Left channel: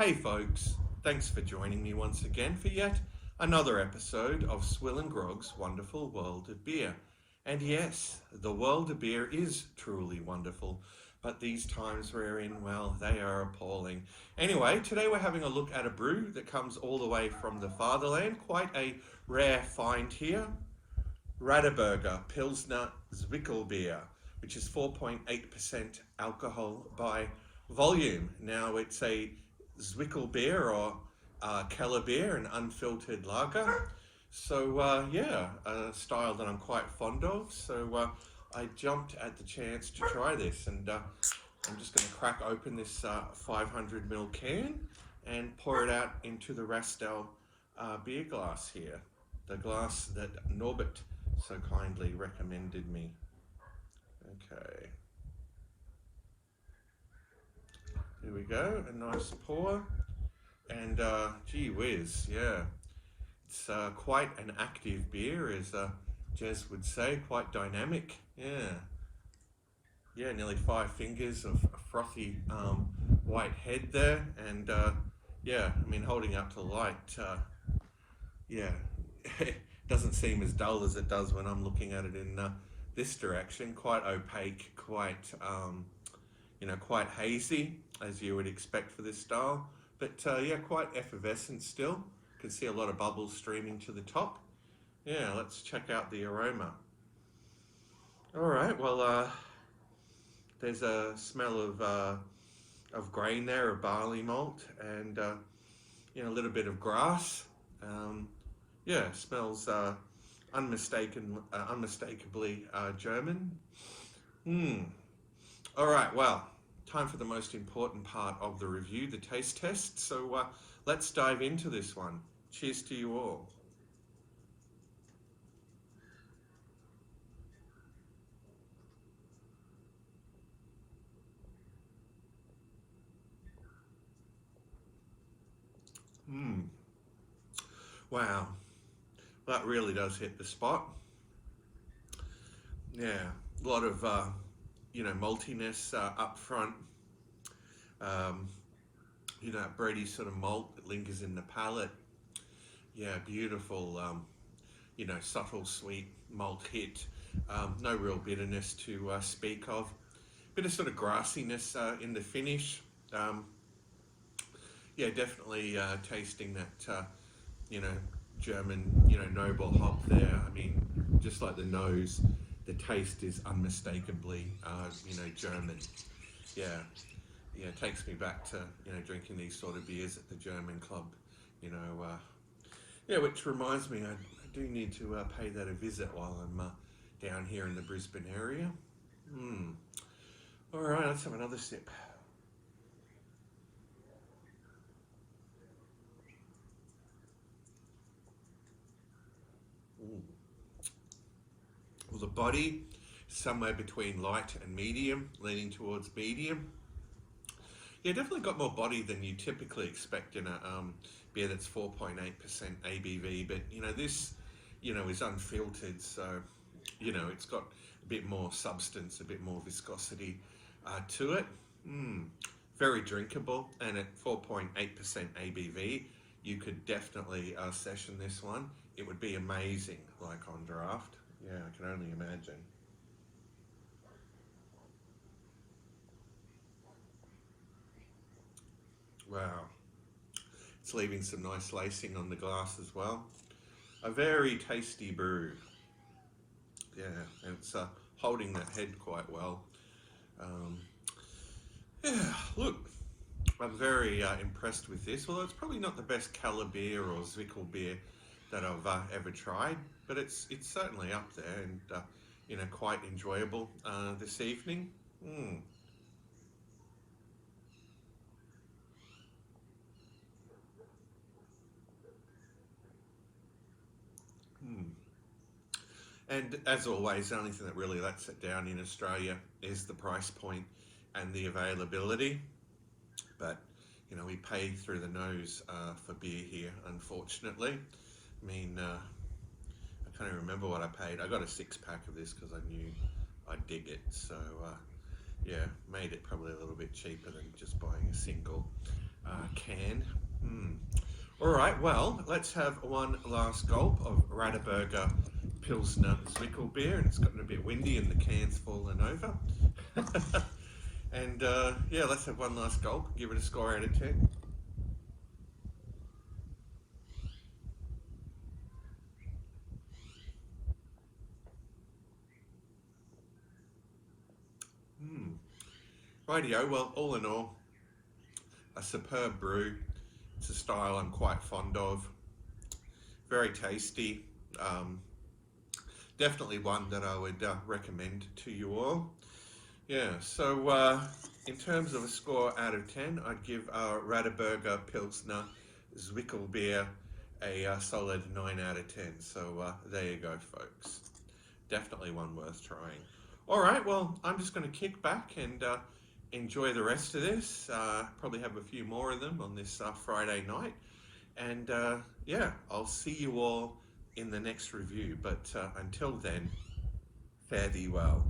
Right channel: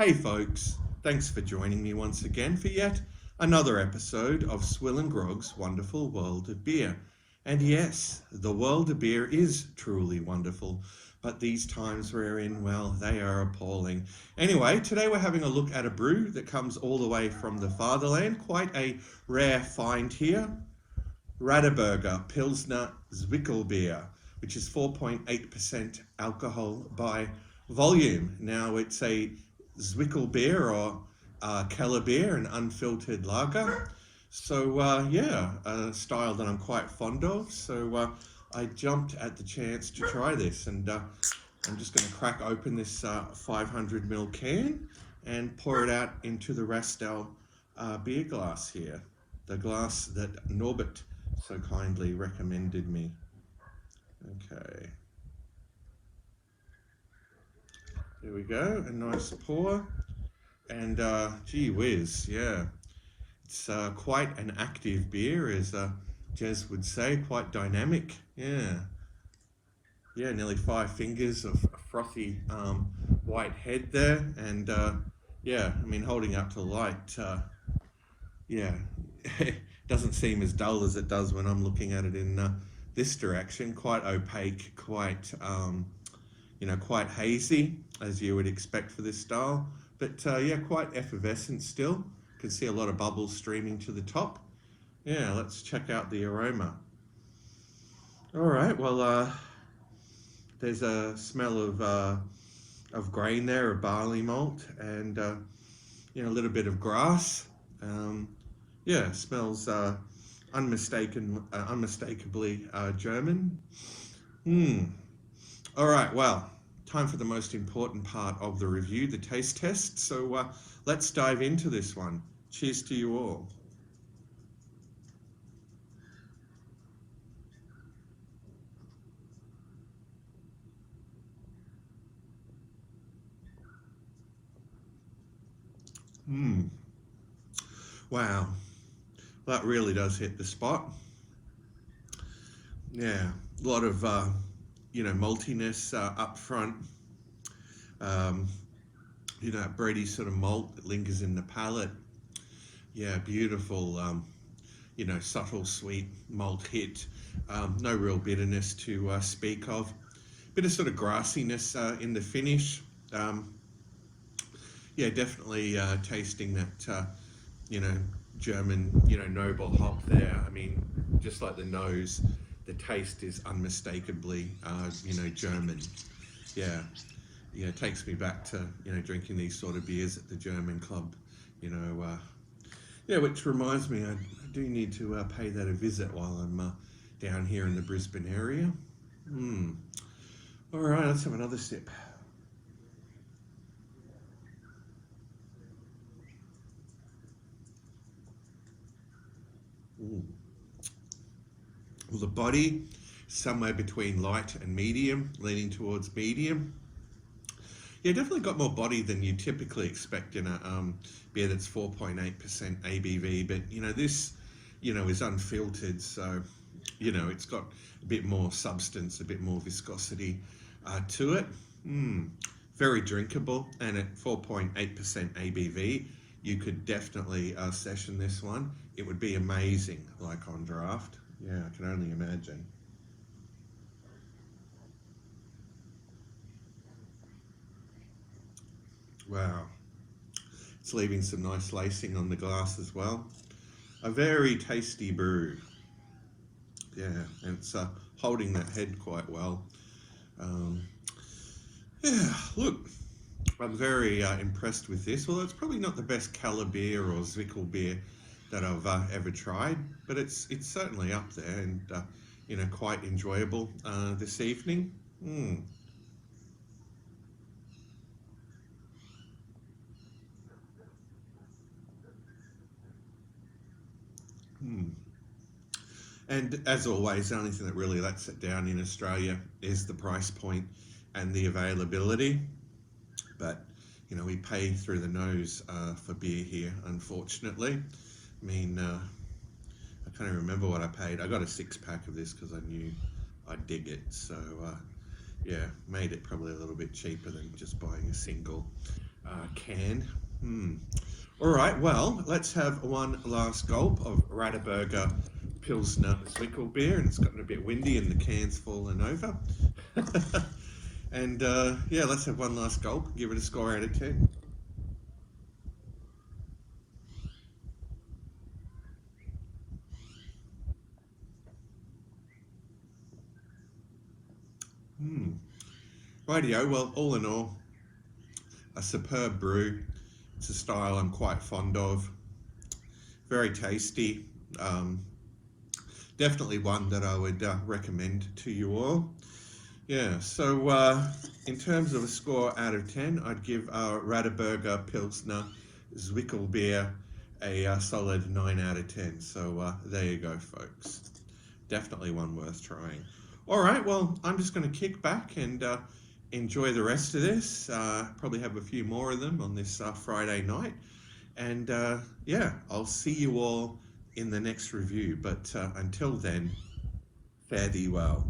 Hey folks, thanks for joining me once again for yet another episode of SwillinGrog's Wonderful World of Beer. And yes, the world of beer is truly wonderful, but these times we're in, well, they are appalling. Anyway, today we're having a look at a brew that comes all the way from the fatherland, quite a rare find here. Radeberger Pilsner Zwickelbier, which is 4.8% alcohol by volume. Now it's a Zwickelbier or Keller beer, an unfiltered lager. So yeah, a style that I'm quite fond of. So I jumped at the chance to try this, and I'm just going to crack open this 500ml can and pour it out into the Rastel beer glass here, the glass that Norbert so kindly recommended me. Okay. There we go, a nice pour, and gee whiz, yeah, it's quite an active beer, as Jez would say, quite dynamic, yeah, nearly 5 fingers of frothy white head there, and yeah, I mean, holding up to light, yeah, it doesn't seem as dull as it does when I'm looking at it in this direction, quite opaque, quite quite hazy, as you would expect for this style, but yeah, quite effervescent still. You can see a lot of bubbles streaming to the top. Yeah, let's check out the aroma. All right, well, there's a smell of grain there, of barley malt, and a little bit of grass. Yeah, smells unmistakably German. All right, well, time for the most important part of the review, the taste test. So let's dive into this one. Cheers to you all. Wow, that really does hit the spot. Yeah, a lot of maltiness up front. That bready sort of malt that lingers in the palate. Yeah, beautiful, subtle sweet malt hit. No real bitterness to speak of. Bit of sort of grassiness in the finish. Yeah, definitely tasting that, German, noble hop there. I mean, just like the nose, the taste is unmistakably, German. Yeah, it takes me back to, drinking these sort of beers at the German club, yeah, which reminds me, I do need to pay that a visit while I'm down here in the Brisbane area. All right, let's have another sip. Well, the body, somewhere between light and medium, leaning towards medium. Yeah, definitely got more body than you typically expect in a beer that's 4.8% ABV, but this, is unfiltered, so, it's got a bit more substance, a bit more viscosity to it. Very drinkable, and at 4.8% ABV, you could definitely session this one. It would be amazing, like on draft. Yeah, I can only imagine. Wow. It's leaving some nice lacing on the glass as well. A very tasty brew. Yeah, and it's holding that head quite well. Yeah, look, I'm very impressed with this, although it's probably not the best Keller beer or Zwickelbier that I've ever tried, but it's certainly up there, and quite enjoyable this evening. And as always, the only thing that really lets it down in Australia is the price point and the availability. But we pay through the nose for beer here, unfortunately. I mean, I can't even remember what I paid. I got a 6-pack of this because I knew I'd dig it. So yeah, made it probably a little bit cheaper than just buying a single. can. All right, well, let's have one last gulp of Radeberger Pilsner Zwickelbier, and it's gotten a bit windy and the can's fallen over. And yeah, let's have one last gulp, give it a score out of 10. Rightio, well, all in all, a superb brew. It's a style I'm quite fond of. Very tasty. Definitely one that I would recommend to you all. Yeah, so in terms of a score out of 10, I'd give our Radeberger Pilsner Zwickelbier a solid 9 out of 10. So there you go, folks. Definitely one worth trying. All right, well, I'm just going to kick back and enjoy the rest of this. Probably have a few more of them on this Friday night. And yeah, I'll see you all in the next review. But until then, fare thee well.